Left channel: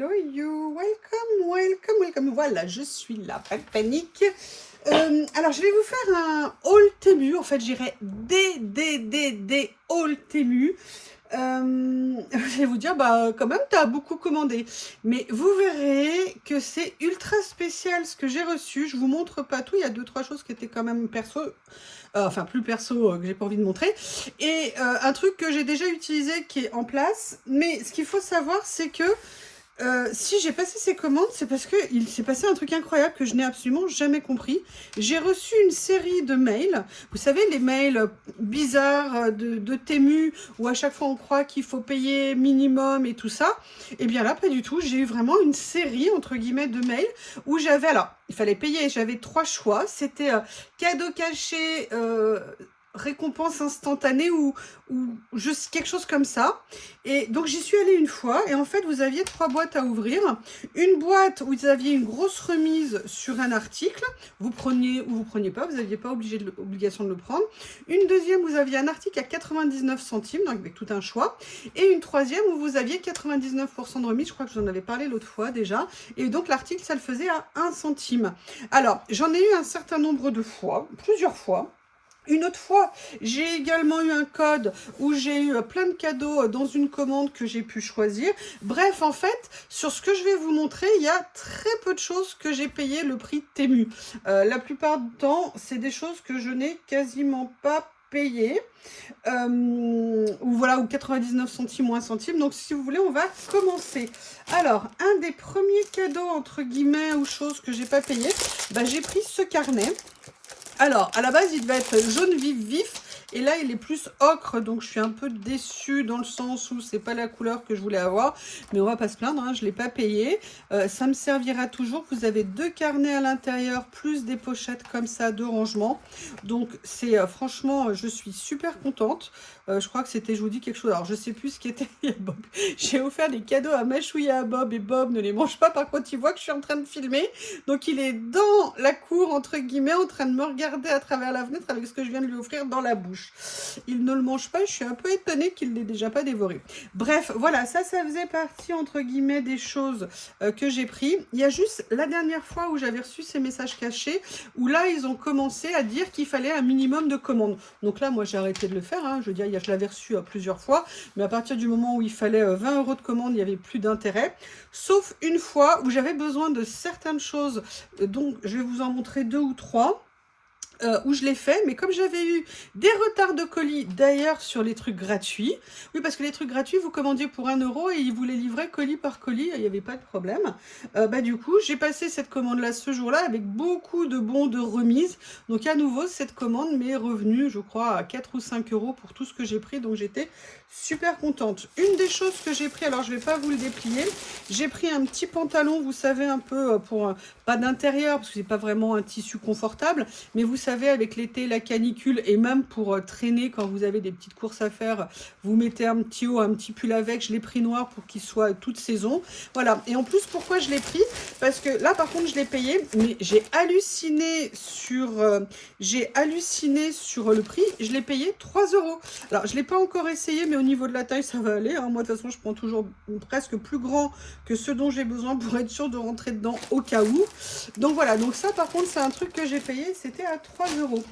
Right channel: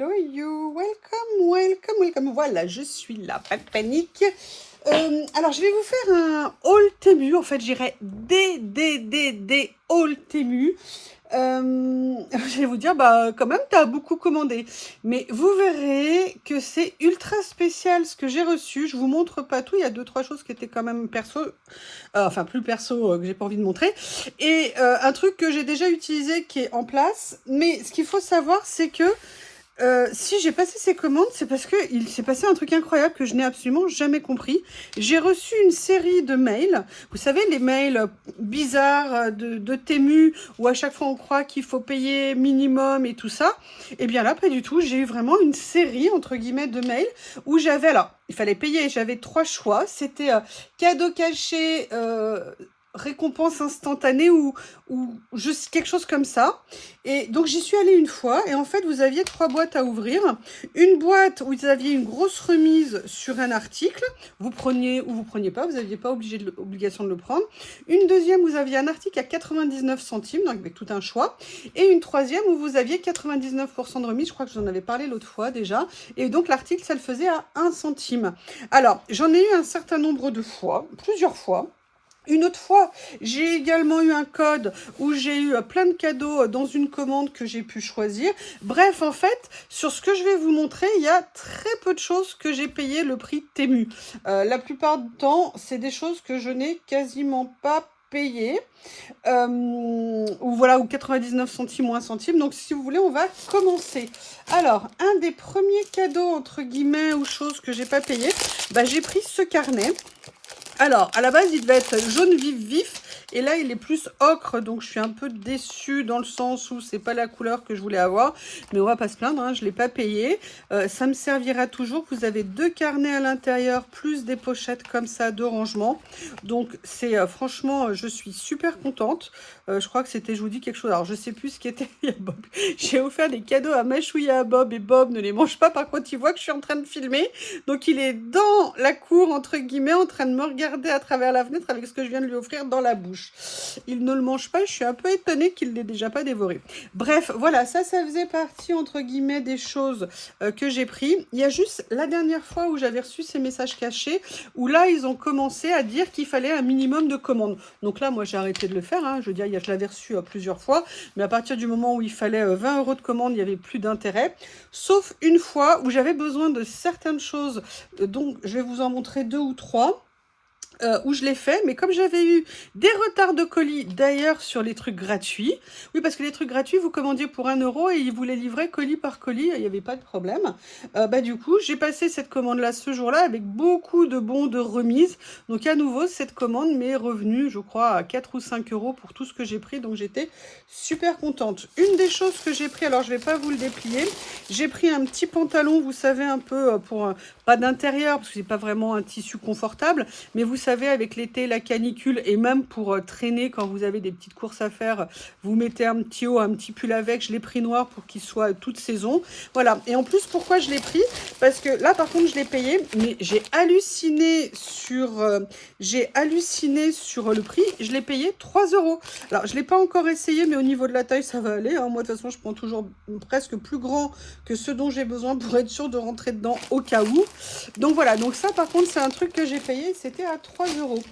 hello you, welcome, welcome, welcome. Voilà, je suis là, pas de panique. Alors, je vais vous faire un haul Temu. En fait, j'irai des haul Temu. Je vais vous dire, bah, quand même, tu as beaucoup commandé. Mais vous verrez que c'est ultra spécial ce que j'ai reçu. Je vous montre pas tout. Il y a 2-3 choses qui étaient quand même perso. Enfin, plus perso, que j'ai pas envie de montrer. Et un truc que j'ai déjà utilisé qui est en place. Mais ce qu'il faut savoir, c'est que si j'ai passé ces commandes, c'est parce qu'il s'est passé un truc incroyable que je n'ai absolument jamais compris. J'ai reçu une série de mails. Vous savez, les mails bizarres de Temu, où à chaque fois on croit qu'il faut payer minimum et tout ça. Et bien là, pas du tout. J'ai eu vraiment une série, entre guillemets, de mails où j'avais... Alors, il fallait payer. J'avais 3 choix. C'était cadeau caché... récompense instantanée ou juste quelque chose comme ça. Et donc j'y suis allée une fois et en fait vous aviez 3 boîtes à ouvrir. Une boîte où vous aviez une grosse remise sur un article, vous preniez ou vous preniez pas, vous n'aviez pas obligation de le prendre. Une deuxième, vous aviez un article à 99 centimes, donc avec tout un choix. Et une troisième où vous aviez 99% de remise, je crois que j'en avais parlé l'autre fois déjà. Et donc l'article, ça le faisait à 1 centime. Alors j'en ai eu un certain nombre de fois, plusieurs fois. Une autre fois, j'ai également eu un code où j'ai eu plein de cadeaux dans une commande que j'ai pu choisir. Bref, en fait, sur ce que je vais vous montrer, il y a très peu de choses que j'ai payé le prix Temu. La plupart du temps, c'est des choses que je n'ai quasiment pas payées. Ou voilà, ou 99 centimes ou 1 centime. Donc, si vous voulez, on va commencer. Alors, un des premiers cadeaux, entre guillemets, ou choses que j'ai pas payé, bah, j'ai pris ce carnet. Alors, à la base, il devait être jaune vif. Et là, il est plus ocre. Donc, je suis un peu déçue dans le sens où c'est pas la couleur que je voulais avoir. Mais on va pas se plaindre, hein, je ne l'ai pas payé. Ça me servira toujours. Vous avez 2 carnets à l'intérieur, plus des pochettes comme ça de rangement. Donc, c'est franchement, je suis super contente. Je crois que c'était, je vous dis quelque chose. Alors, je sais plus ce qui était. Bob. J'ai offert des cadeaux à Machouilla à Bob. Et Bob ne les mange pas. Par contre, il voit que je suis en train de filmer. Donc, il est dans la cour, entre guillemets, en train de me regarder à travers la fenêtre avec ce que je viens de lui offrir dans la bouche. Il ne le mange pas, je suis un peu étonnée qu'il ne l'ait déjà pas dévoré. Bref, voilà, ça faisait partie, entre guillemets, des choses que j'ai pris. Il y a juste la dernière fois où j'avais reçu ces messages cachés, où là, ils ont commencé à dire qu'il fallait un minimum de commandes. Donc là, moi, j'ai arrêté de le faire, hein. Je veux dire, je l'avais reçu plusieurs fois, mais à partir du moment où il fallait 20 € de commande, il n'y avait plus d'intérêt. Sauf une fois où j'avais besoin de certaines choses, donc je vais vous en montrer 2 ou 3. Où je l'ai fait, mais comme j'avais eu des retards de colis d'ailleurs sur les trucs gratuits, oui parce que les trucs gratuits vous commandiez pour 1 € et ils vous les livraient colis par colis, il n'y avait pas de problème. Bah du coup j'ai passé cette commande là ce jour là avec beaucoup de bons de remise, donc à nouveau cette commande m'est revenue je crois à 4 ou 5 € pour tout ce que j'ai pris, donc j'étais super contente. Une des choses que j'ai pris, alors je vais pas vous le déplier, j'ai pris un petit pantalon, vous savez un peu pour pas d'intérieur parce que c'est pas vraiment un tissu confortable, mais vous savez avec l'été, la canicule et même pour traîner quand vous avez des petites courses à faire, vous mettez un petit haut, un petit pull avec, je l'ai pris noir pour qu'il soit toute saison. Voilà, et en plus pourquoi je l'ai pris? Parce que là par contre je l'ai payé, mais j'ai halluciné sur le prix, je l'ai payé 3 €. Alors je l'ai pas encore essayé, mais au niveau de la taille ça va aller, hein. Moi de toute façon je prends toujours presque plus grand que ce dont j'ai besoin pour être sûr de rentrer dedans au cas où. Donc voilà, donc ça par contre c'est un truc que j'ai payé, c'était à 3 €.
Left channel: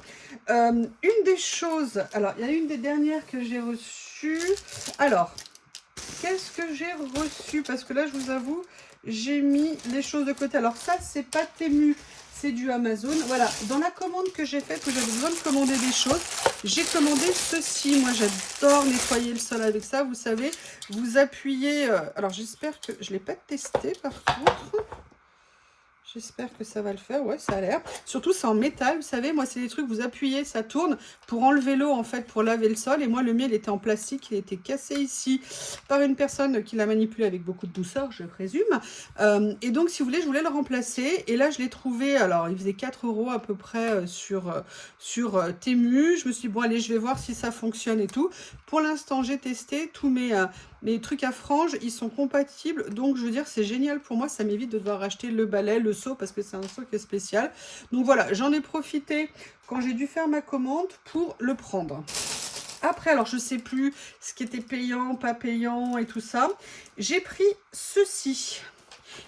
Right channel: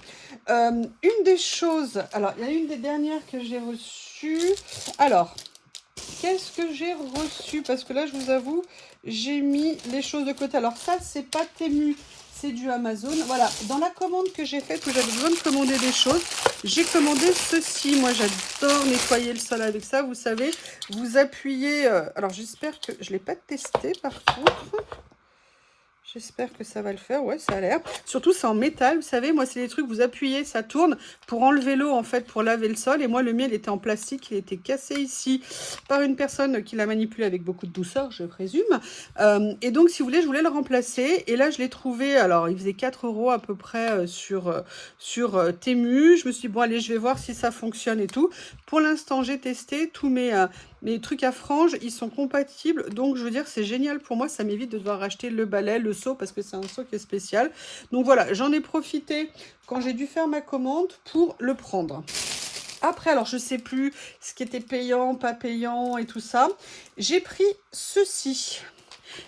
Une des choses, alors il y a une des dernières que j'ai reçues. Alors, qu'est-ce que j'ai reçu? Parce que là je vous avoue, j'ai mis les choses de côté. Alors ça c'est pas Temu, c'est du Amazon. Voilà, dans la commande que j'ai faite, où j'avais besoin de commander des choses, j'ai commandé ceci. Moi j'adore nettoyer le sol avec ça, vous savez, vous appuyez, alors j'espère que je ne l'ai pas testé par contre. J'espère que ça va le faire, ouais, ça a l'air. Surtout, c'est en métal, vous savez, moi, c'est des trucs, vous appuyez, ça tourne pour enlever l'eau, en fait, pour laver le sol. Et moi, le mien, il était en plastique, il était cassé ici par une personne qui l'a manipulé avec beaucoup de douceur, je présume. Et donc, si vous voulez, je voulais le remplacer. Et là, je l'ai trouvé, alors, il faisait 4 € à peu près sur Temu. Je me suis dit, bon, allez, je vais voir si ça fonctionne et tout. Pour l'instant, j'ai testé tous mes trucs à franges, ils sont compatibles, donc je veux dire c'est génial pour moi, ça m'évite de devoir acheter le balai, le seau, parce que c'est un seau qui est spécial. Donc voilà, j'en ai profité quand j'ai dû faire ma commande pour le prendre. Après, alors je sais plus ce qui était payant, pas payant et tout ça. J'ai pris ceci.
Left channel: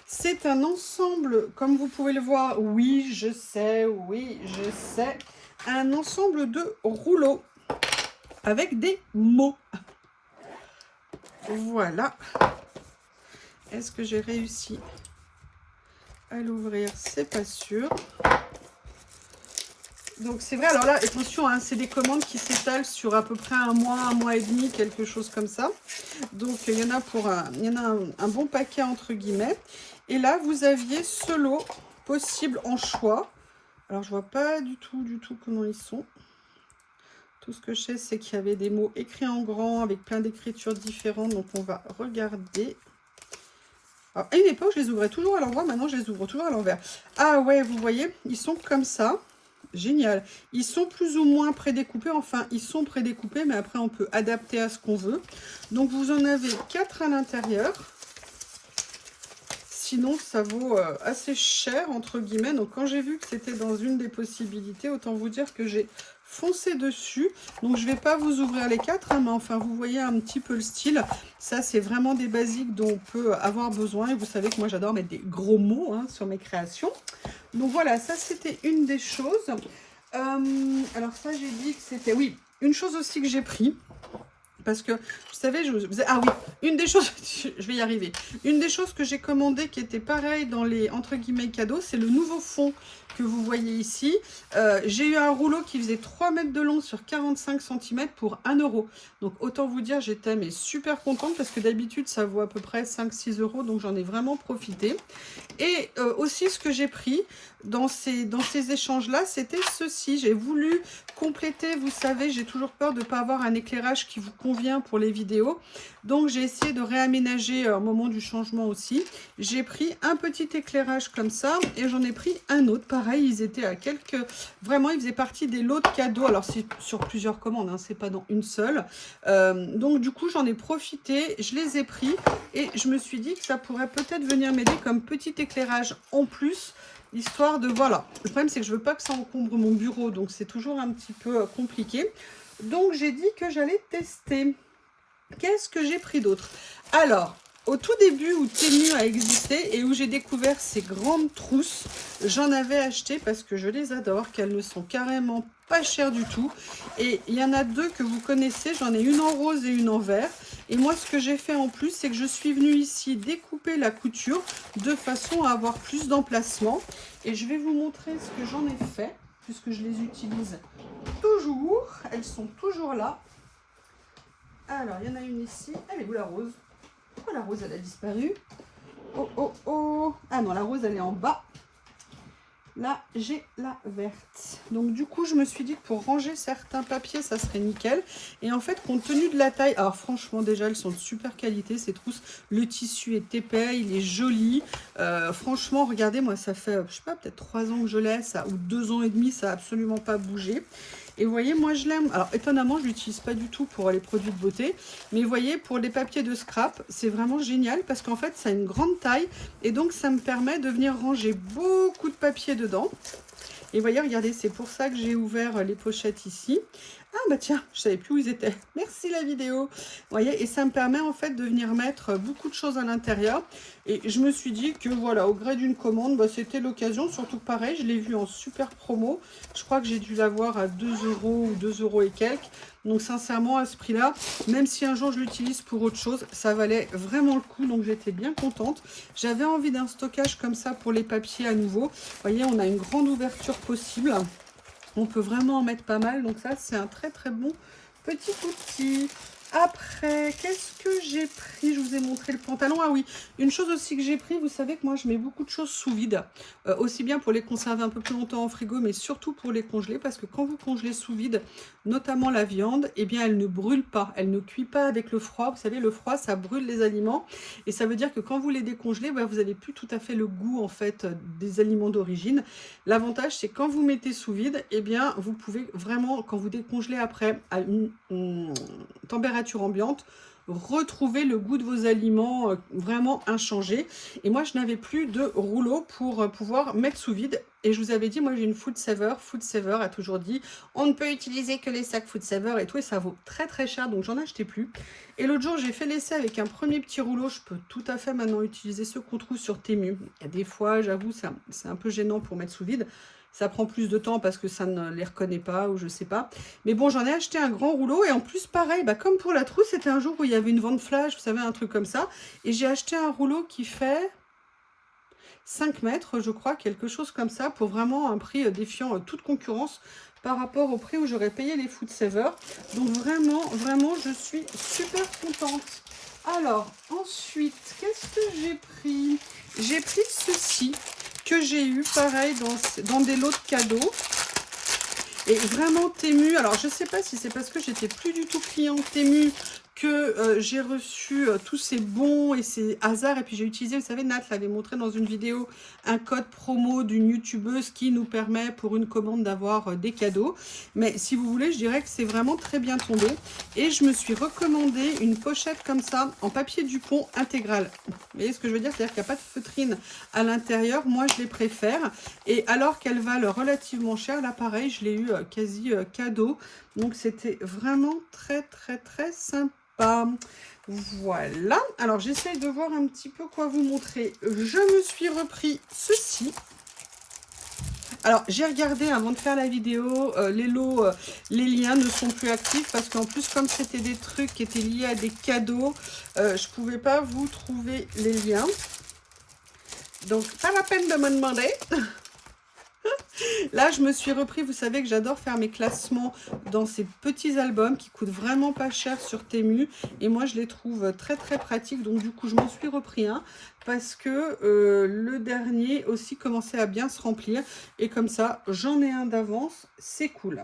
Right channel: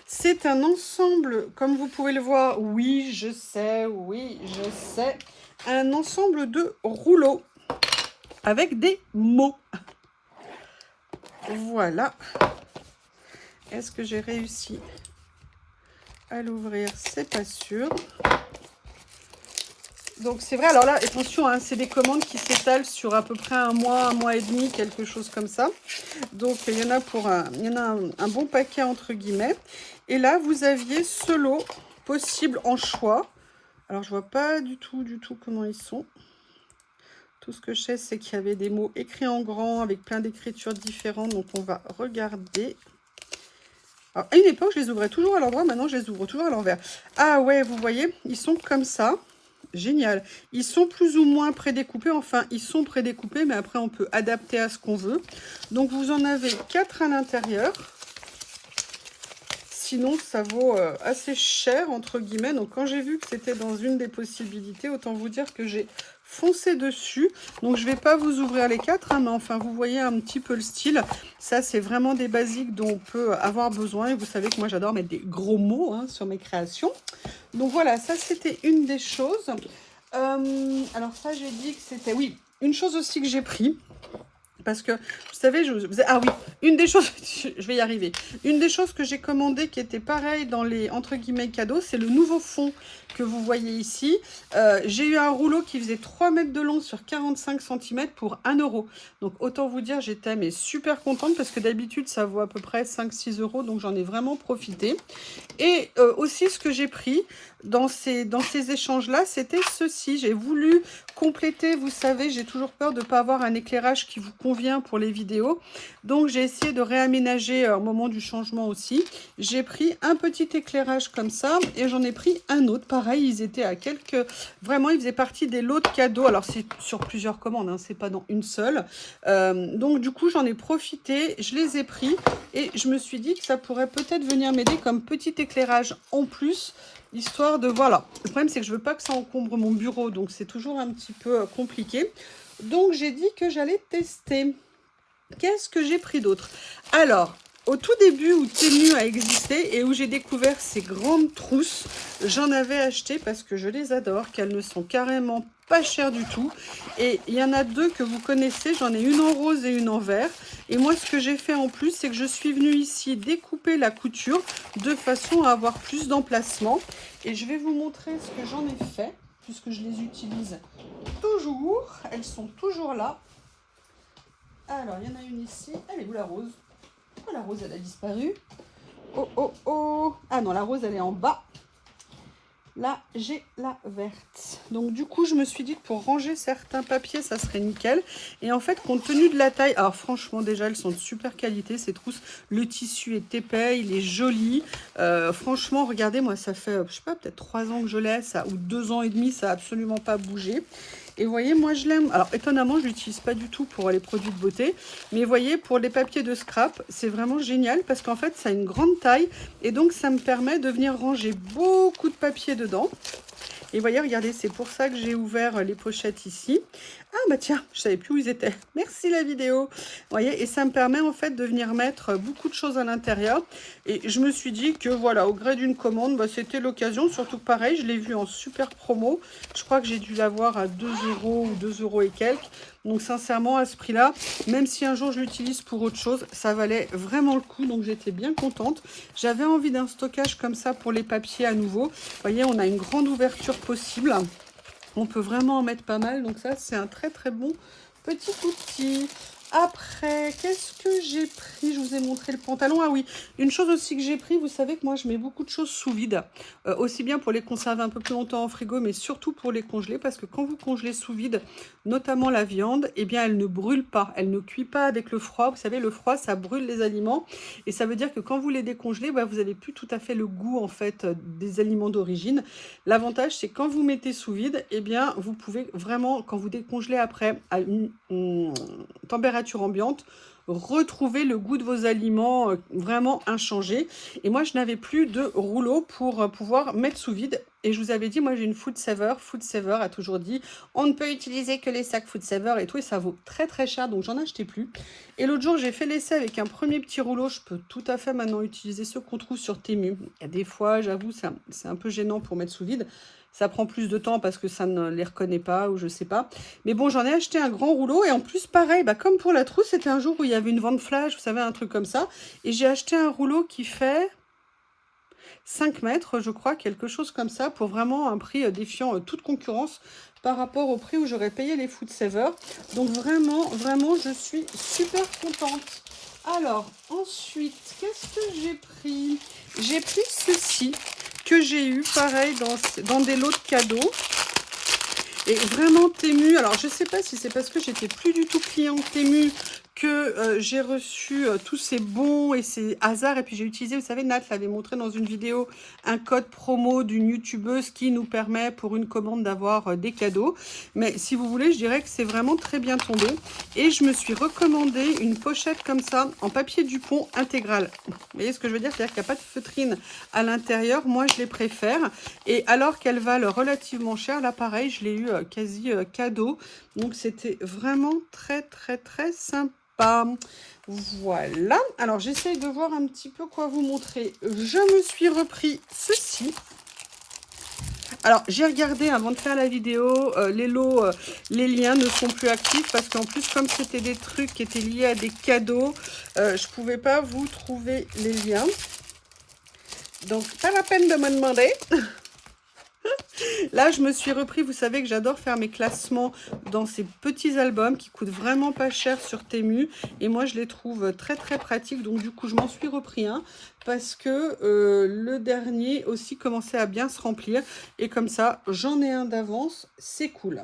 C'est un ensemble, comme vous pouvez le voir, oui, je sais, un ensemble de rouleaux avec des mots. Voilà. Est-ce que j'ai réussi à l'ouvrir? C'est pas sûr. Donc c'est vrai, alors là, attention, hein, c'est des commandes qui s'étalent sur à peu près un mois et demi, quelque chose comme ça. Donc il y en a un bon paquet entre guillemets. Et là, vous aviez ce lot possible en choix. Alors je vois pas du tout comment ils sont. Tout ce que je sais, c'est qu'il y avait des mots écrits en grand avec plein d'écritures différentes. Donc on va regarder. Alors, à une époque, je les ouvrais toujours à l'envers. Maintenant, je les ouvre toujours à l'envers. Ah ouais, vous voyez, ils sont comme ça. Génial. Ils sont plus ou moins prédécoupés. Enfin, ils sont prédécoupés, mais après, on peut adapter à ce qu'on veut. Donc, vous en avez 4 à l'intérieur. Sinon, ça vaut assez cher, entre guillemets. Donc, quand j'ai vu que c'était dans une des possibilités, autant vous dire que j'ai foncé dessus. Donc, je ne vais pas vous ouvrir les 4, hein, mais enfin, vous voyez un petit peu le style. Ça, c'est vraiment des basiques dont on peut avoir besoin. Et vous savez que moi, j'adore mettre des gros mots hein, sur mes créations. Donc, voilà, ça, c'était une des choses. Alors, ça, j'ai dit que c'était... Oui, une chose aussi que j'ai pris. Parce que, vous savez, ah oui, une des choses, je vais y arriver. Une des choses que j'ai commandées qui était pareil dans les, entre guillemets, cadeaux, c'est le nouveau fond que vous voyez ici. J'ai eu un rouleau qui faisait 3 mètres de long sur 45 cm pour 1 €. Donc, autant vous dire, j'étais mais super contente parce que d'habitude, ça vaut à peu près 5-6 €. Donc, j'en ai vraiment profité. Et aussi, ce que j'ai pris dans ces échanges-là, c'était ceci. J'ai voulu compléter, vous savez, j'ai toujours peur de ne pas avoir un éclairage qui vous convient pour les vidéos. Donc, j'ai essayé de réaménager au moment du changement aussi. J'ai pris un petit éclairage comme ça et j'en ai pris un autre. Pareil, ils étaient à quelques... Vraiment, ils faisaient partie des lots de cadeaux. Alors, c'est sur plusieurs commandes, hein, c'est pas dans une seule. Donc, du coup, j'en ai profité. Je les ai pris et je me suis dit que ça pourrait peut-être venir m'aider comme petit éclairage en plus. Histoire de, voilà. Le problème, c'est que je veux pas que ça encombre mon bureau. Donc, c'est toujours un petit peu compliqué. Donc, j'ai dit que j'allais tester. Qu'est-ce que j'ai pris d'autre? Alors, au tout début où Temu a existé et où j'ai découvert ces grandes trousses, j'en avais acheté parce que je les adore, qu'elles ne sont carrément pas chères du tout. Et il y en a 2 que vous connaissez, j'en ai une en rose et une en vert. Et moi, ce que j'ai fait en plus, c'est que je suis venue ici découper la couture de façon à avoir plus d'emplacement. Et je vais vous montrer ce que j'en ai fait, puisque je les utilise toujours. Elles sont toujours là. Alors, il y en a une ici. Elle est où la rose? Pourquoi la rose, elle a disparu? Oh, oh, oh. Ah non, la rose, elle est en bas. Là, j'ai la verte. Donc, du coup, je me suis dit que pour ranger certains papiers, ça serait nickel. Et en fait, compte tenu de la taille... Alors, franchement, déjà, elles sont de super qualité, ces trousses. Le tissu est épais, il est joli. Franchement, regardez, moi, ça fait, je sais pas, peut-être 3 ans que je l'ai, ça, ou 2 ans et demi, ça n'a absolument pas bougé. Et vous voyez, moi je l'aime. Alors étonnamment, je ne l'utilise pas du tout pour les produits de beauté. Mais vous voyez, pour les papiers de scrap, c'est vraiment génial parce qu'en fait, ça a une grande taille. Et donc, ça me permet de venir ranger beaucoup de papier dedans. Et vous voyez, regardez, c'est pour ça que j'ai ouvert les pochettes ici. Ah bah tiens, je savais plus où ils étaient. Merci la vidéo. Vous voyez, et ça me permet en fait de venir mettre beaucoup de choses à l'intérieur. Et je me suis dit que voilà, au gré d'une commande, bah, c'était l'occasion. Surtout que pareil, je l'ai vu en super promo. Je crois que j'ai dû l'avoir à 2 € ou 2 € et quelques. Donc sincèrement, à ce prix-là, même si un jour je l'utilise pour autre chose, ça valait vraiment le coup. Donc j'étais bien contente. J'avais envie d'un stockage comme ça pour les papiers à nouveau. Vous voyez, on a une grande ouverture possible. On peut vraiment en mettre pas mal. Donc ça, c'est un très très bon petit outil. Après, qu'est-ce que j'ai pris? Je vous ai montré le pantalon. Ah oui, une chose aussi que j'ai pris, vous savez que moi, je mets beaucoup de choses sous vide. Aussi bien pour les conserver un peu plus longtemps en frigo, mais surtout pour les congeler. Parce que quand vous congelez sous vide, notamment la viande, eh bien, elle ne brûle pas. Elle ne cuit pas avec le froid. Vous savez, le froid, ça brûle les aliments. Et ça veut dire que quand vous les décongelez, bah, vous n'avez plus tout à fait le goût, en fait, des aliments d'origine. L'avantage, c'est quand vous mettez sous vide, eh bien, vous pouvez vraiment, quand vous décongelez après à une température ambiante, retrouver le goût de vos aliments vraiment inchangé. Et moi, je n'avais plus de rouleau pour pouvoir mettre sous vide. Et je vous avais dit, moi j'ai une Food Saver. Food Saver a toujours dit, on ne peut utiliser que les sacs Food Saver et tout. Et ça vaut très très cher, donc j'en achetais plus. Et l'autre jour, j'ai fait l'essai avec un premier petit rouleau. Je peux tout à fait maintenant utiliser ceux qu'on trouve sur Temu. Il y a des fois, j'avoue, c'est un peu gênant pour mettre sous vide. Ça prend plus de temps parce que ça ne les reconnaît pas ou je sais pas. Mais bon, j'en ai acheté un grand rouleau. Et en plus, pareil, comme pour la trousse, c'était un jour où il y avait une vente flash, vous savez, un truc comme ça. Et j'ai acheté un rouleau qui fait 5 mètres, je crois, quelque chose comme ça, pour vraiment un prix défiant toute concurrence par rapport au prix où j'aurais payé les Food Saver. Donc vraiment, vraiment, je suis super contente. Alors, ensuite, qu'est-ce que j'ai pris? J'ai pris ceci, que j'ai eu, pareil, dans des lots de cadeaux. Et vraiment Temu, alors je ne sais pas si c'est parce que j'étais plus du tout client Temu que j'ai reçu tous ces bons et ces hasards. Et puis j'ai utilisé, vous savez, Nat l'avait montré dans une vidéo, un code promo d'une youtubeuse qui nous permet pour une commande d'avoir des cadeaux. Mais si vous voulez, je dirais que c'est vraiment très bien tombé. Et je me suis recommandé une pochette comme ça, en papier Dupont intégral. Vous voyez ce que je veux dire? C'est-à-dire qu'il n'y a pas de feutrine à l'intérieur. Moi, je les préfère. Et alors qu'elles valent relativement cher, là, pareil, je l'ai eu quasi cadeau. Donc, c'était vraiment très, très, très sympa. Voilà, alors j'essaye de voir un petit peu quoi vous montrer. Je me suis repris ceci. Alors j'ai regardé avant de faire la vidéo, les lots, les liens ne sont plus actifs parce qu'en plus comme c'était des trucs qui étaient liés à des cadeaux, je pouvais pas vous trouver les liens. Donc pas la peine de me demander. Là, je me suis repris, vous savez que j'adore faire mes classements dans ces petits albums qui coûtent vraiment pas cher sur Temu. Et moi, je les trouve très, très pratiques. Donc, du coup, je m'en suis repris un parce que le dernier aussi commençait à bien se remplir. Et comme ça, j'en ai un d'avance. C'est cool.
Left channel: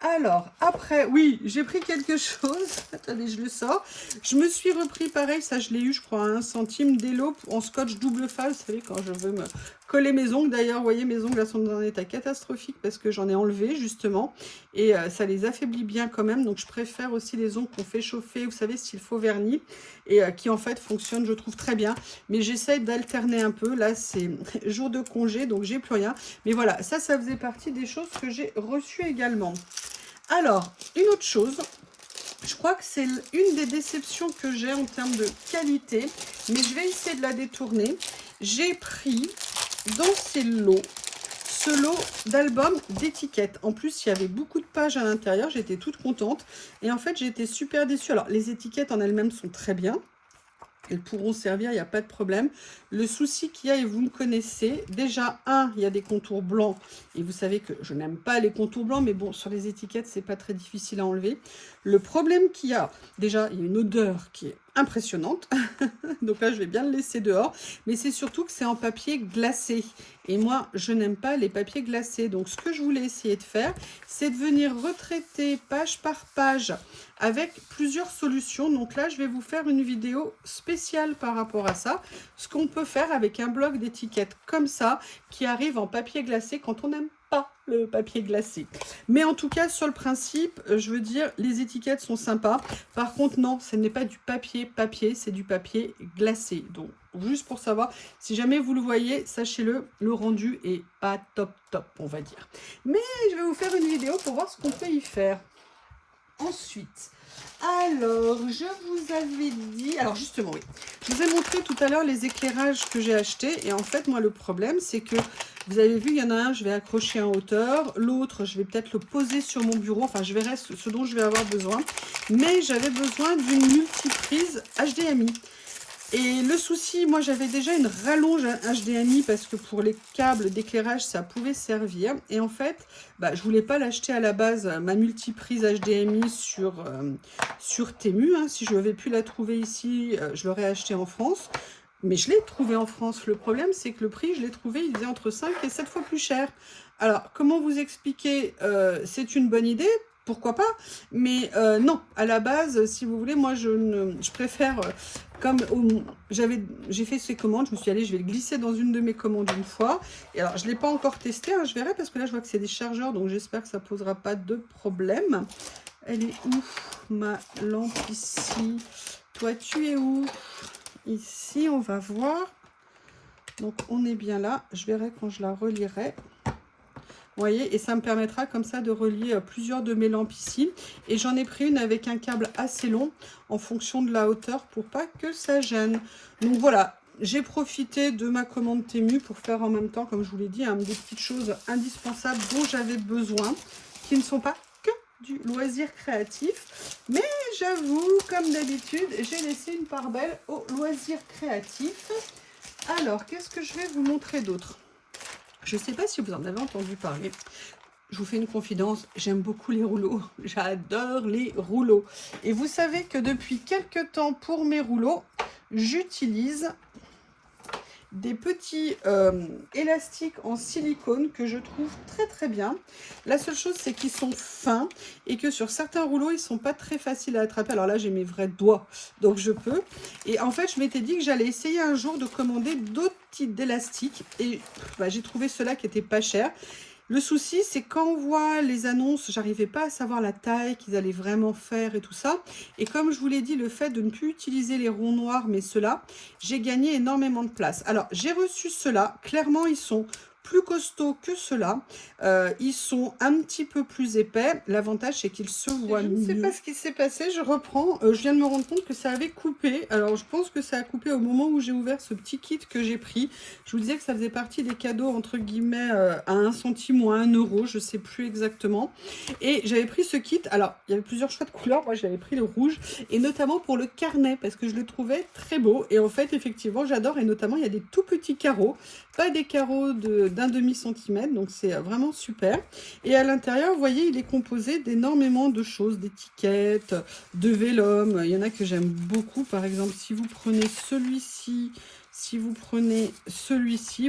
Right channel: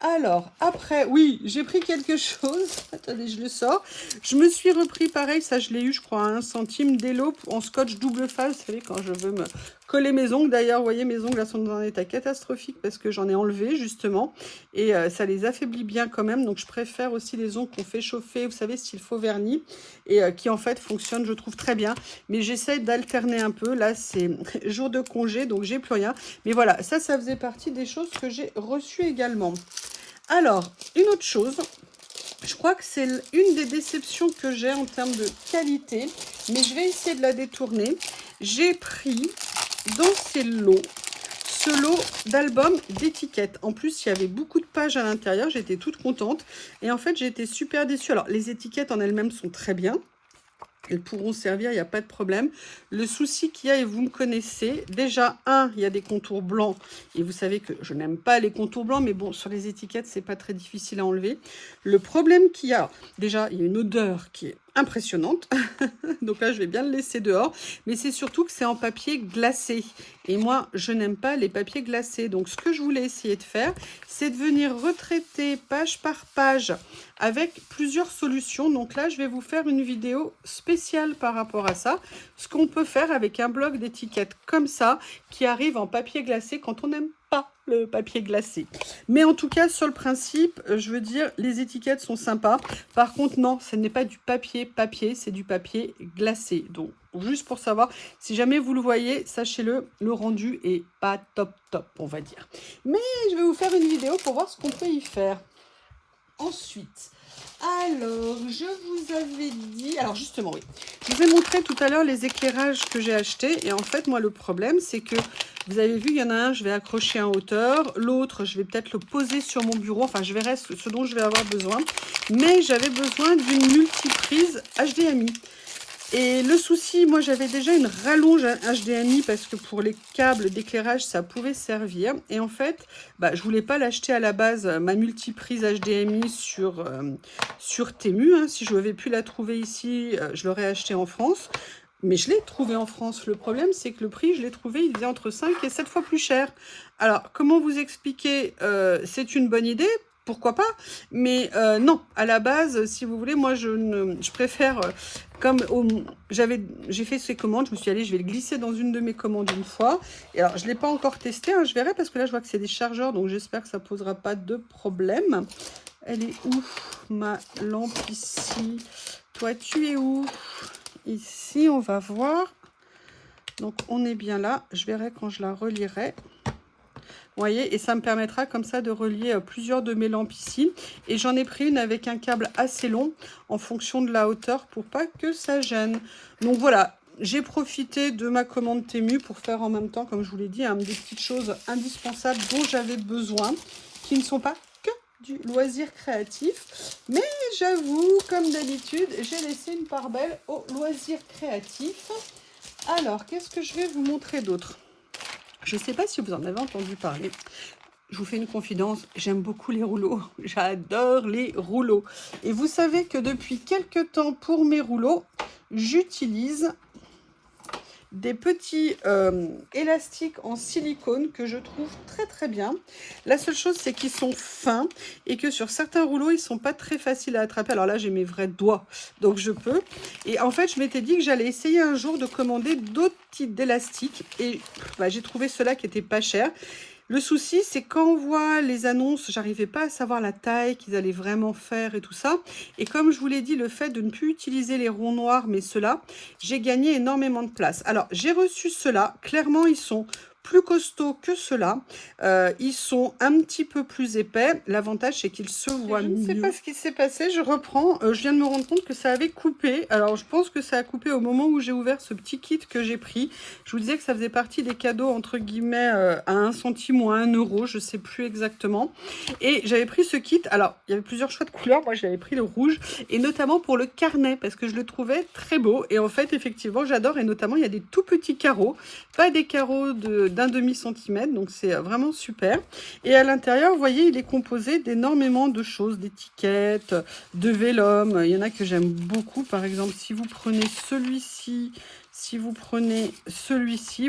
Alors, après, oui, j'ai pris quelque chose. Attendez, je le sors. Je me suis repris, pareil, ça je l'ai eu, je crois, à 1 centime, d'Elo en scotch double face. Vous savez, quand je veux me coller mes ongles. D'ailleurs, vous voyez, mes ongles elles sont dans un état catastrophique parce que j'en ai enlevé, justement. Et ça les affaiblit bien quand même. Donc, je préfère aussi les ongles qu'on fait chauffer, vous savez, style faux vernis. Et qui, en fait, fonctionnent, je trouve, très bien. Mais j'essaie d'alterner un peu. Là, c'est jour de congé, donc j'ai plus rien. Mais voilà, ça faisait partie des choses que j'ai reçues également. Alors, une autre chose, je crois que c'est une des déceptions que j'ai en termes de qualité, mais je vais essayer de la détourner. J'ai pris dans ces lots, ce lot d'albums d'étiquettes. En plus, il y avait beaucoup de pages à l'intérieur, j'étais toute contente. Et en fait, j'ai été super déçue. Alors, les étiquettes en elles-mêmes sont très bien. Elles pourront servir, il n'y a pas de problème. Le souci qu'il y a, et vous me connaissez, déjà, il y a des contours blancs. Et vous savez que je n'aime pas les contours blancs, mais bon, sur les étiquettes, c'est pas très difficile à enlever. Le problème qu'il y a, déjà, il y a une odeur qui est impressionnante. Donc là, je vais bien le laisser dehors. Mais c'est surtout que c'est en papier glacé. Et moi, je n'aime pas les papiers glacés. Donc, ce que je voulais essayer de faire, c'est de venir retraiter page par page avec plusieurs solutions. Donc là, je vais vous faire une vidéo spéciale par rapport à ça. Ce qu'on peut faire avec un bloc d'étiquettes comme ça, qui arrive en papier glacé quand on n'aime pas le papier glacé. Mais en tout cas, sur le principe, je veux dire, les étiquettes sont sympas. Par contre, non, ce n'est pas du papier, c'est du papier glacé. Donc, juste pour savoir, si jamais vous le voyez, sachez-le, le rendu est pas top, on va dire. Mais je vais vous faire une vidéo pour voir ce qu'on peut y faire. Ensuite, alors, je vous avais dit... Alors, justement, oui. Je vous ai montré tout à l'heure les éclairages que j'ai achetés. Et en fait, moi, le problème, c'est que, vous avez vu, il y en a un, je vais accrocher en hauteur. L'autre, je vais peut-être le poser sur mon bureau. Enfin, je verrai ce dont je vais avoir besoin. Mais j'avais besoin d'une multiprise HDMI. Et le souci, moi j'avais déjà une rallonge HDMI parce que pour les câbles d'éclairage, ça pouvait servir. Et en fait, je voulais pas l'acheter à la base, ma multiprise HDMI sur Temu. Hein. Si je n'avais pu la trouver ici, je l'aurais acheté en France. Mais je l'ai trouvé en France. Le problème, c'est que le prix, je l'ai trouvé, il faisait entre 5 et 7 fois plus cher. Alors, comment vous expliquer? C'est une bonne idée. Pourquoi pas? Mais non, à la base, si vous voulez, moi, je préfère, comme j'ai fait ces commandes, je me suis dit, allez, je vais le glisser dans une de mes commandes une fois. Et alors, je ne l'ai pas encore testé, hein, je verrai, parce que là, je vois que c'est des chargeurs, donc j'espère que ça ne posera pas de problème. Elle est où ma lampe ici? Toi, tu es où? Ici, on va voir. Donc, on est bien là. Je verrai quand je la relierai. Vous voyez, et ça me permettra comme ça de relier plusieurs de mes lampes ici. Et j'en ai pris une avec un câble assez long en fonction de la hauteur pour pas que ça gêne. Donc voilà, j'ai profité de ma commande Temu pour faire en même temps, comme je vous l'ai dit, des petites choses indispensables dont j'avais besoin, qui ne sont pas que du loisir créatif. Mais j'avoue, comme d'habitude, j'ai laissé une part belle au loisir créatif. Alors, qu'est-ce que je vais vous montrer d'autre? Je ne sais pas si vous en avez entendu parler. Je vous fais une confidence, j'aime beaucoup les rouleaux. J'adore les rouleaux. Et vous savez que depuis quelques temps, pour mes rouleaux, j'utilise des petits élastiques en silicone que je trouve très très bien. La seule chose, c'est qu'ils sont fins et que sur certains rouleaux, ils sont pas très faciles à attraper. Alors là, j'ai mes vrais doigts, donc je peux. Et en fait, je m'étais dit que j'allais essayer un jour de commander d'autres types d'élastiques. Et j'ai trouvé ceux-là qui étaient pas chers. Le souci, c'est quand on voit les annonces, j'arrivais pas à savoir la taille qu'ils allaient vraiment faire et tout ça. Et comme je vous l'ai dit, le fait de ne plus utiliser les ronds noirs, mais ceux-là, j'ai gagné énormément de place. Alors, j'ai reçu ceux-là. Clairement, ils sont plus costauds que ceux-là. Ils sont un petit peu plus épais. L'avantage, c'est qu'ils se voient mieux. Je ne sais pas ce qui s'est passé. Je reprends. Je viens de me rendre compte que ça avait coupé. Alors, je pense que ça a coupé au moment où j'ai ouvert ce petit kit que j'ai pris. Je vous disais que ça faisait partie des cadeaux, entre guillemets, à 1 centime ou à 1 euro. Je ne sais plus exactement. Et j'avais pris ce kit. Alors, il y avait plusieurs choix de couleurs. Moi, j'avais pris le rouge. Et notamment pour le carnet, parce que je le trouvais très beau. Et en fait, effectivement, j'adore. Et notamment, il y a des tout petits carreaux. Pas des carreaux d'un demi-centimètre, donc c'est vraiment super. Et à l'intérieur, vous voyez, il est composé d'énormément de choses, d'étiquettes, de vélum. Il y en a que j'aime beaucoup. Par exemple, si vous prenez celui-ci,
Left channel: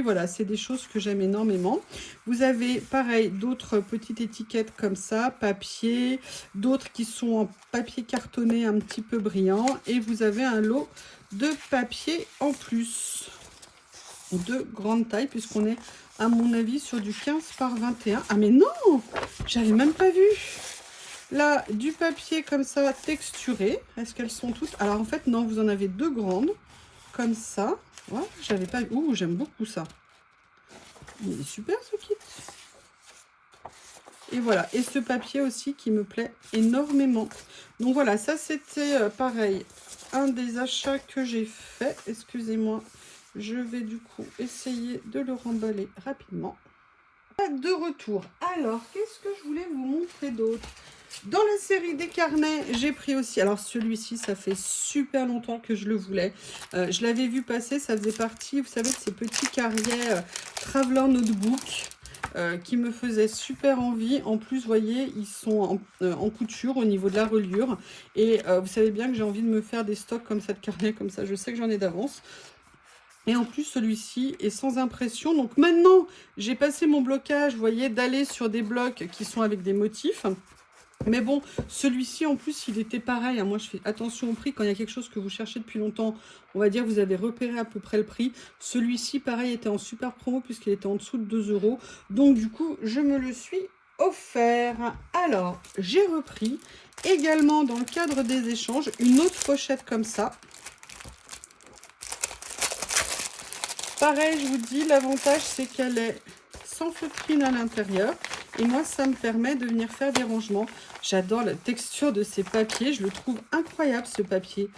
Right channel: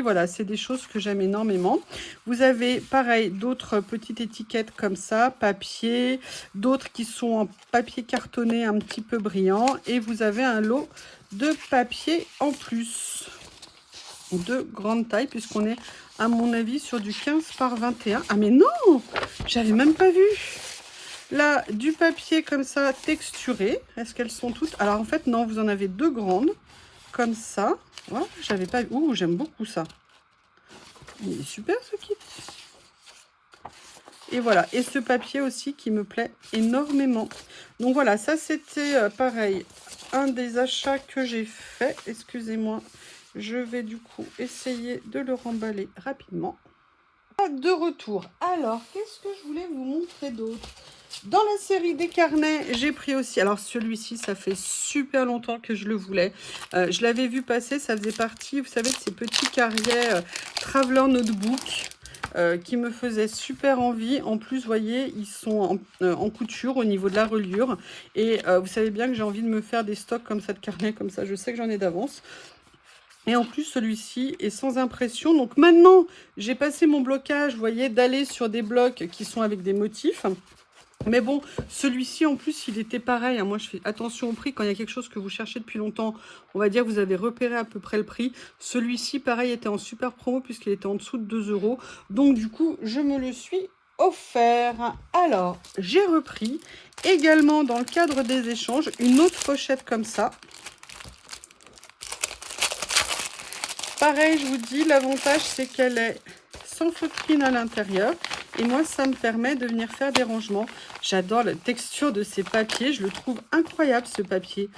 voilà, c'est des choses que j'aime énormément. Vous avez, pareil, d'autres petites étiquettes comme ça, papier, d'autres qui sont en papier cartonné un petit peu brillant. Et vous avez un lot de papier en plus, de grande taille, puisqu'on est, à mon avis, sur du 15 par 21. Ah mais non, j'avais même pas vu. Là, du papier comme ça, texturé. Est-ce qu'elles sont toutes? Alors en fait, non, vous en avez deux grandes, comme ça. Ouais, j'avais pas... Ouh, j'aime beaucoup ça. Il est super ce kit. Et voilà, et ce papier aussi qui me plaît énormément. Donc voilà, ça c'était pareil, un des achats que j'ai fait. Excusez-moi. Je vais du coup essayer de le remballer rapidement. De retour. Alors, qu'est-ce que je voulais vous montrer d'autre? Dans la série des carnets, j'ai pris aussi... Alors, celui-ci, ça fait super longtemps que je le voulais. Je l'avais vu passer, ça faisait partie, vous savez, de ces petits carnets Traveler Notebook qui me faisaient super envie. En plus, vous voyez, ils sont en couture au niveau de la reliure. Et vous savez bien que j'ai envie de me faire des stocks comme ça de carnets, comme ça, je sais que j'en ai d'avance. Et en plus, celui-ci est sans impression. Donc maintenant, j'ai passé mon blocage, vous voyez, d'aller sur des blocs qui sont avec des motifs. Mais bon, celui-ci, en plus, il était pareil. Moi, je fais attention au prix. Quand il y a quelque chose que vous cherchez depuis longtemps, on va dire, vous avez repéré à peu près le prix. Celui-ci, pareil, était en super promo puisqu'il était en dessous de 2 €. Donc, du coup, je me le suis offert. Alors, j'ai repris également, dans le cadre des échanges, une autre pochette comme ça. Pareil, je vous dis, l'avantage, c'est qu'elle est sans feutrine à l'intérieur. Et moi, ça me permet de venir faire des rangements. J'adore la texture de ces papiers. Je le trouve incroyable, ce papier.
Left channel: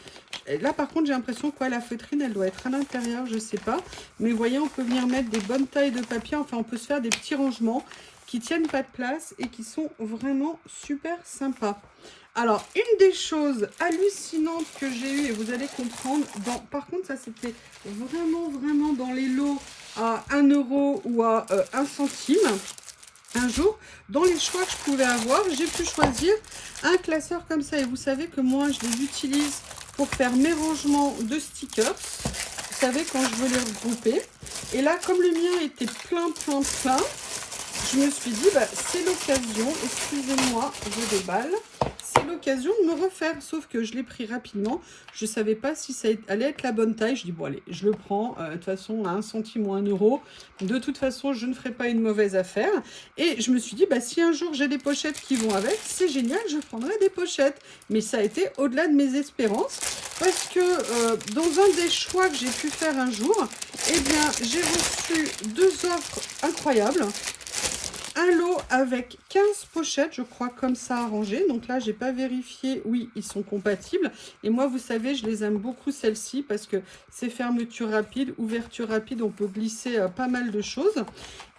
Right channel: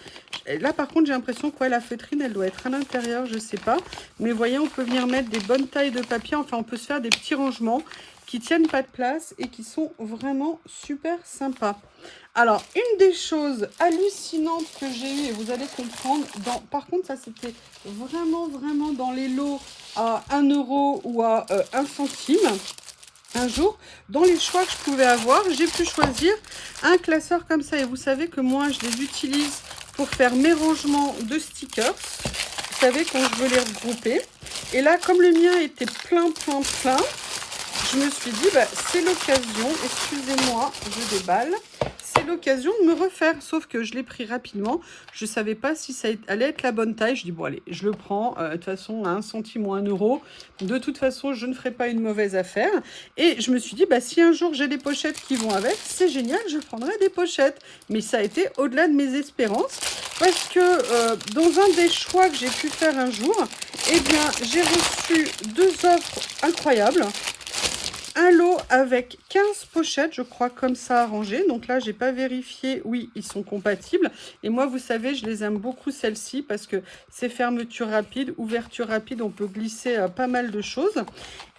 Et là, par contre, j'ai l'impression que la feutrine, elle doit être à l'intérieur, je ne sais pas. Mais vous voyez, on peut venir mettre des bonnes tailles de papier. Enfin, on peut se faire des petits rangements qui tiennent pas de place et qui sont vraiment super sympas. Alors, une des choses hallucinantes que j'ai eues, et vous allez comprendre, par contre, ça c'était vraiment dans les lots à 1 € ou à 1 centime. Un jour, dans les choix que je pouvais avoir, j'ai pu choisir un classeur comme ça. Et vous savez que moi, je les utilise pour faire mes rangements de stickers. Vous savez, quand je veux les regrouper. Et là, comme le mien était plein, je me suis dit, c'est l'occasion. Excusez-moi, je déballe. c'est l'occasion de me refaire. Sauf que je l'ai pris rapidement. Je ne savais pas si ça allait être la bonne taille. Je dis, bon allez, je le prends. De toute façon, à 1 centime ou 1 euro. De toute façon, je ne ferai pas une mauvaise affaire. Et je me suis dit, bah, si un jour j'ai des pochettes qui vont avec, c'est génial, je prendrai des pochettes. Mais ça a été au-delà de mes espérances. Parce que dans un des choix que j'ai pu faire un jour, eh bien, j'ai reçu 2 offres incroyables. Un lot avec 15 pochettes, je crois, comme ça arrangé. Donc là, j'ai pas vérifié. Oui, ils sont compatibles. Et moi, vous savez, je les aime beaucoup, celles-ci, parce que c'est fermeture rapide, ouverture rapide. On peut glisser pas mal de choses.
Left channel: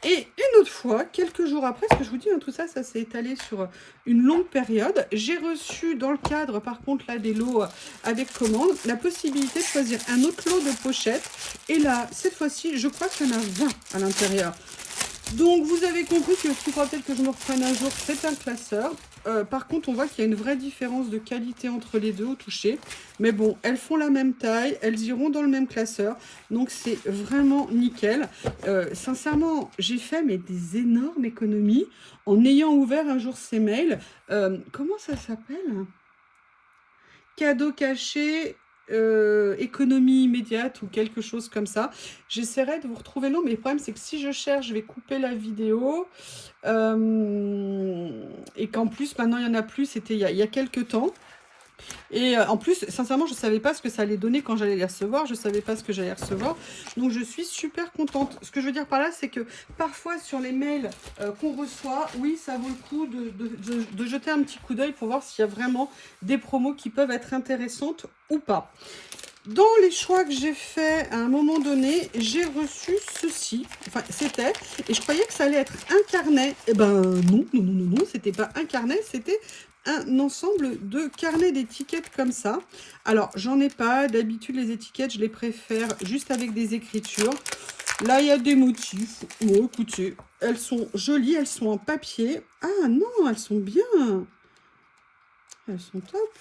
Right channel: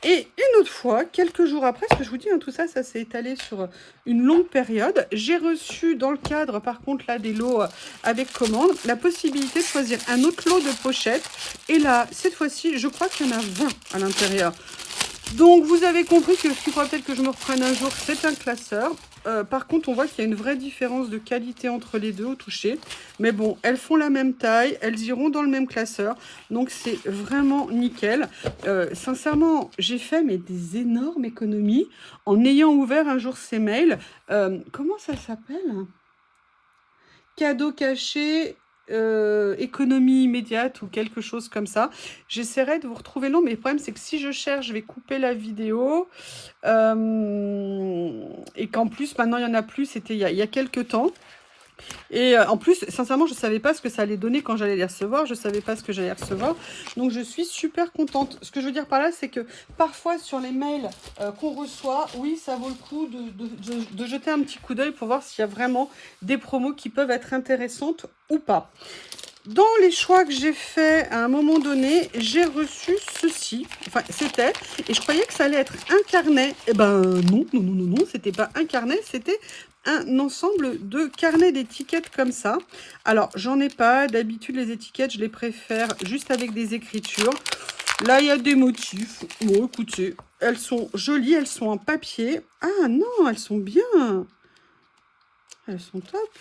Et une autre fois, quelques jours après, parce que je vous dis, hein, tout ça, ça s'est étalé sur une longue période. J'ai reçu dans le cadre, par contre, là, des lots avec commande, la possibilité de choisir un autre lot de pochettes. Et là, cette fois-ci, je crois qu'il y en a 20 à l'intérieur. Donc, vous avez compris que ce qu'il faudra peut-être que je me reprenne un jour, c'est un classeur. Par contre, on voit qu'il y a une vraie différence de qualité entre les deux au toucher. Mais bon, elles font la même taille, elles iront dans le même classeur. Donc, c'est vraiment nickel. Sincèrement, j'ai fait mais des énormes économies en ayant ouvert un jour ces mails. Comment ça s'appelle? Cadeau caché, économie immédiate ou quelque chose comme ça. J'essaierai de vous retrouver le nom, mais le problème c'est que si je cherche, je vais couper la vidéo et qu'en plus maintenant il n'y en a plus, c'était il y a quelques temps. Et en plus, sincèrement, je ne savais pas ce que ça allait donner quand j'allais les recevoir. Je ne savais pas ce que j'allais recevoir. Donc, je suis super contente. Ce que je veux dire par là, c'est que parfois, sur les mails qu'on reçoit, oui, ça vaut le coup de jeter un petit coup d'œil pour voir s'il y a vraiment des promos qui peuvent être intéressantes ou pas. Dans les choix que j'ai faits à un moment donné, j'ai reçu ceci. Enfin, c'était. Et je croyais que ça allait être un carnet. Eh ben non, c'était pas un carnet, c'était un ensemble de carnets d'étiquettes comme ça. Alors, j'en ai pas. D'habitude, les étiquettes, je les préfère juste avec des écritures. Là, il y a des motifs. Bon, écoutez, elles sont jolies, elles sont en papier. Ah non, elles sont bien. Elles sont top.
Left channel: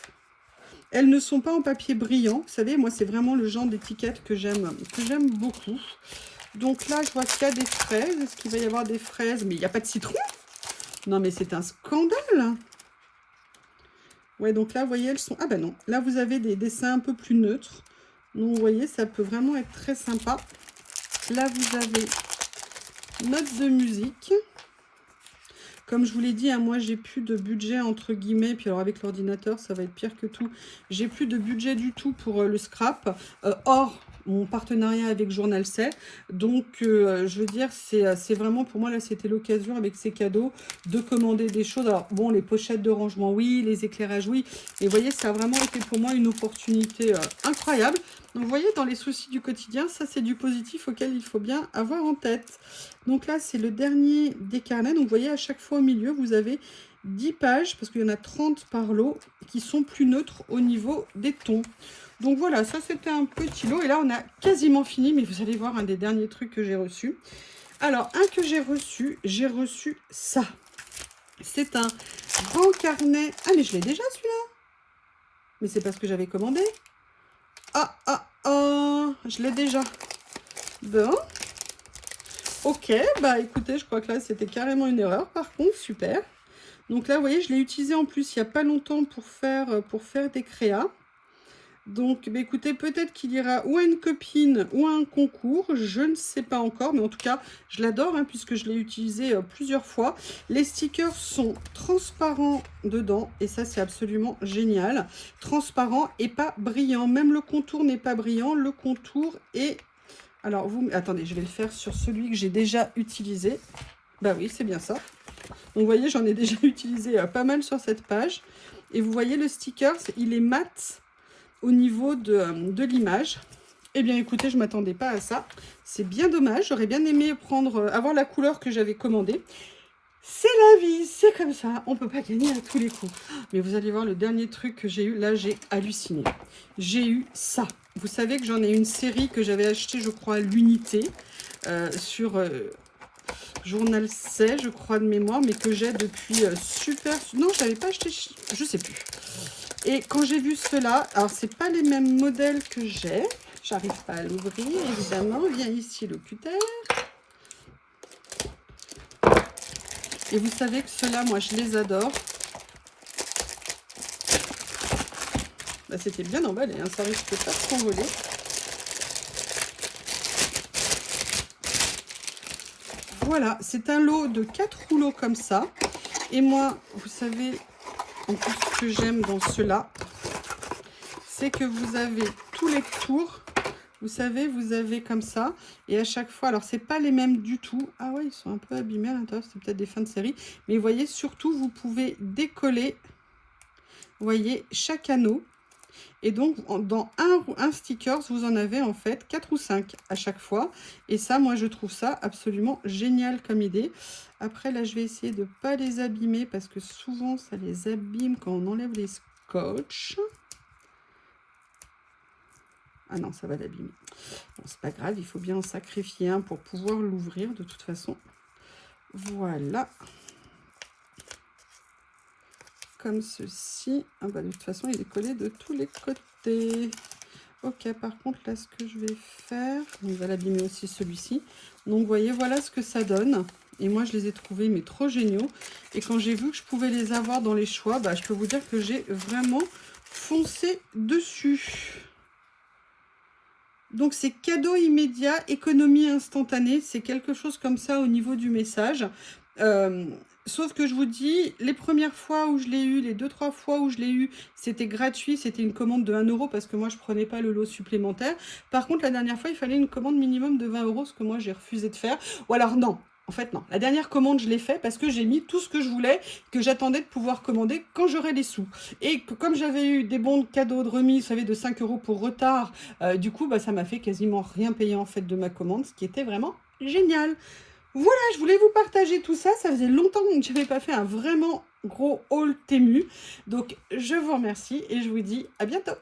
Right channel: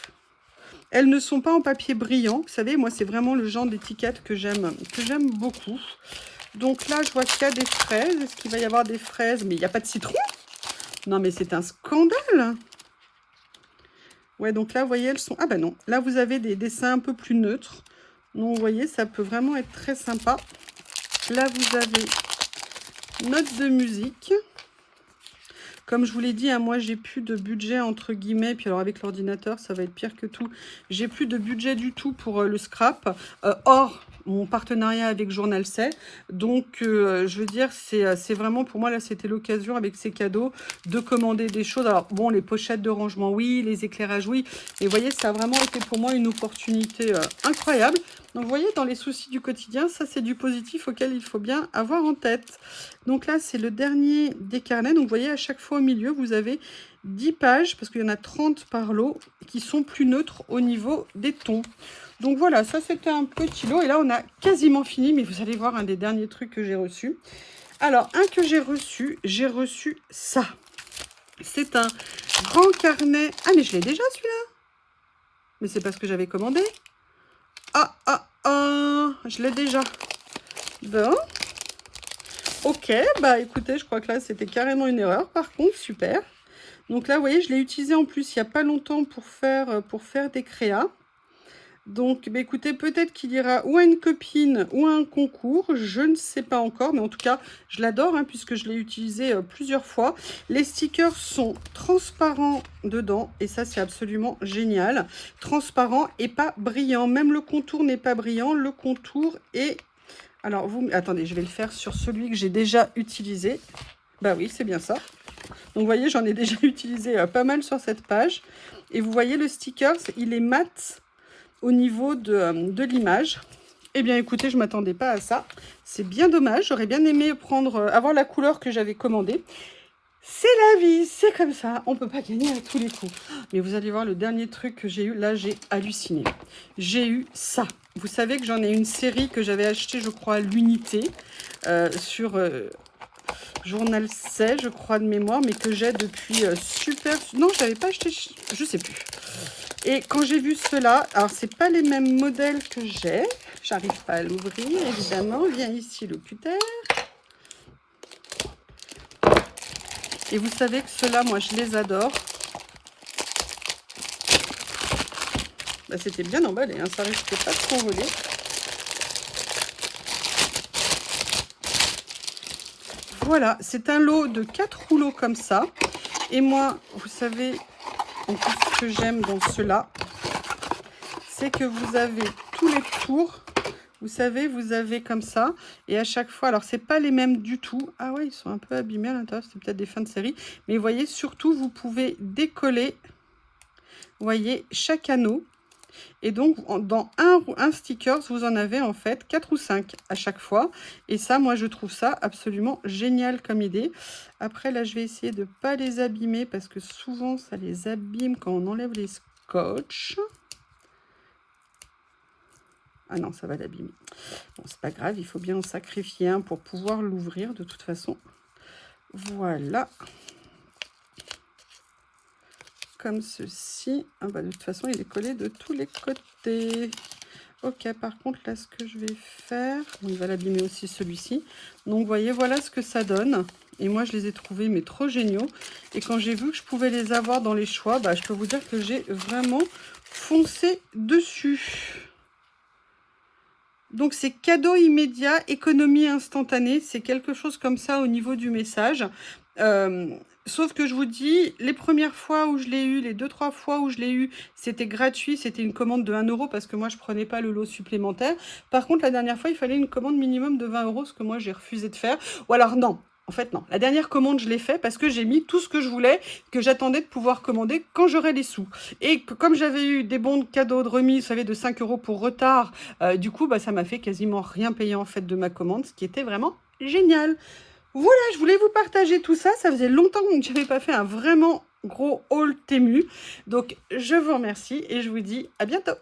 Elles ne sont pas en papier brillant. Vous savez, moi, c'est vraiment le genre d'étiquette que j'aime beaucoup. Donc là, je vois qu'il y a des fraises. Est-ce qu'il va y avoir des fraises? Mais il n'y a pas de citron. Non, mais c'est un scandale. Ouais, donc là, vous voyez, elles sont... Ah ben non, là, vous avez des dessins un peu plus neutres. Donc, vous voyez, ça peut vraiment être très sympa. Là, vous avez notes de musique. Comme je vous l'ai dit, hein, moi, j'ai plus de budget, entre guillemets. Puis alors, avec l'ordinateur, ça va être pire que tout. J'ai plus de budget du tout pour le scrap. Or, mon partenariat avec Journal C. Donc, je veux dire, c'est vraiment, pour moi, là, c'était l'occasion, avec ces cadeaux, de commander des choses. Alors, bon, les pochettes de rangement, oui. Les éclairages, oui. Mais vous voyez, ça a vraiment été pour moi une opportunité incroyable. Donc, vous voyez, dans les soucis du quotidien, ça, c'est du positif auquel il faut bien avoir en tête. Donc là, c'est le dernier des carnets. Donc, vous voyez, à chaque fois au milieu, vous avez 10 pages, parce qu'il y en a 30 par lot, qui sont plus neutres au niveau des tons. Donc voilà, ça, c'était un petit lot. Et là, on a quasiment fini, mais vous allez voir un des derniers trucs que j'ai reçus. Alors, un que j'ai reçu ça. C'est un grand carnet. Ah, mais je l'ai déjà, celui-là. Mais c'est parce que j'avais commandé. Je l'ai déjà. Bon. Ok, bah écoutez, je crois que là, c'était carrément une erreur. Par contre, super. Donc là, vous voyez, je l'ai utilisé en plus il n'y a pas longtemps pour faire des créas. Donc, bah, écoutez, peut-être qu'il ira ou à une copine ou à un concours. Je ne sais pas encore, mais en tout cas, je l'adore, hein, puisque je l'ai utilisé plusieurs fois. Les stickers sont transparents dedans, et ça, c'est absolument génial. Transparent et pas brillant. Même le contour n'est pas brillant. Le contour est... Alors, attendez, je vais le faire sur celui que j'ai déjà utilisé. Bah oui, c'est bien ça. Donc, vous voyez, j'en ai déjà utilisé pas mal sur cette page. Et vous voyez, le sticker, il est mat au niveau de l'image. Eh bien, écoutez, je ne m'attendais pas à ça. C'est bien dommage. J'aurais bien aimé avoir la couleur que j'avais commandée. C'est la vie, c'est comme ça. On ne peut pas gagner à tous les coups. Mais vous allez voir, le dernier truc que j'ai eu, là, j'ai halluciné. J'ai eu ça. Vous savez que j'en ai une série que j'avais achetée, je crois, à l'unité sur Journal C, je crois, de mémoire, mais que j'ai depuis super... Non, je n'avais pas acheté, je ne sais plus. Et quand j'ai vu cela, alors c'est pas les mêmes modèles que j'ai. J'arrive pas à l'ouvrir, évidemment. Viens ici, le cutter. Et vous savez que ceux-là, moi, je les adore. Là, c'était bien emballé, hein, ça risque pas de s'envoler. Voilà, c'est un lot de 4 rouleaux comme ça. Et moi, vous savez, en plus, ce que j'aime dans ceux-là, c'est que vous avez tous les tours. Vous savez, vous avez comme ça. Et à chaque fois, alors, c'est pas les mêmes du tout. Ah ouais, ils sont un peu abîmés à l'intérieur. C'est peut-être des fins de série. Mais vous voyez, surtout, vous pouvez décoller, vous voyez, chaque anneau. Et donc, dans un stickers, vous en avez en fait 4 ou 5 à chaque fois. Et ça, moi, je trouve ça absolument génial comme idée. Après, là, je vais essayer de ne pas les abîmer parce que souvent, ça les abîme quand on enlève les scotch. Ah non, ça va l'abîmer. Bon, c'est pas grave, il faut bien en sacrifier un pour pouvoir l'ouvrir de toute façon. Voilà. Comme ceci. Ah bah, de toute façon, il est collé de tous les côtés. Ok, par contre, là, ce que je vais faire, on va l'abîmer aussi celui-ci. Donc, vous voyez, voilà ce que ça donne. Et moi, je les ai trouvés, mais trop géniaux. Et quand j'ai vu que je pouvais les avoir dans les choix, bah, je peux vous dire que j'ai vraiment foncé dessus. Donc, c'est cadeau immédiat, économie instantanée. C'est quelque chose comme ça au niveau du message. Sauf que je vous dis, les premières fois où je l'ai eu, les 2-3 fois où je l'ai eu, c'était gratuit, c'était une commande de 1 € parce que moi, je ne prenais pas le lot supplémentaire. Par contre, la dernière fois, il fallait une commande minimum de 20 €, ce que moi, j'ai refusé de faire. Ou alors, non. En fait, non. La dernière commande, je l'ai fait parce que j'ai mis tout ce que je voulais, que j'attendais de pouvoir commander quand j'aurais les sous. Et que, comme j'avais eu des bons cadeaux de remise, vous savez, de 5 € pour retard, du coup, bah, ça m'a fait quasiment rien payer en fait de ma commande, ce qui était vraiment génial. Voilà, je voulais vous partager tout ça. Ça faisait longtemps que je n'avais pas fait un vraiment gros haul Temu. Donc, je vous remercie et je vous dis à bientôt.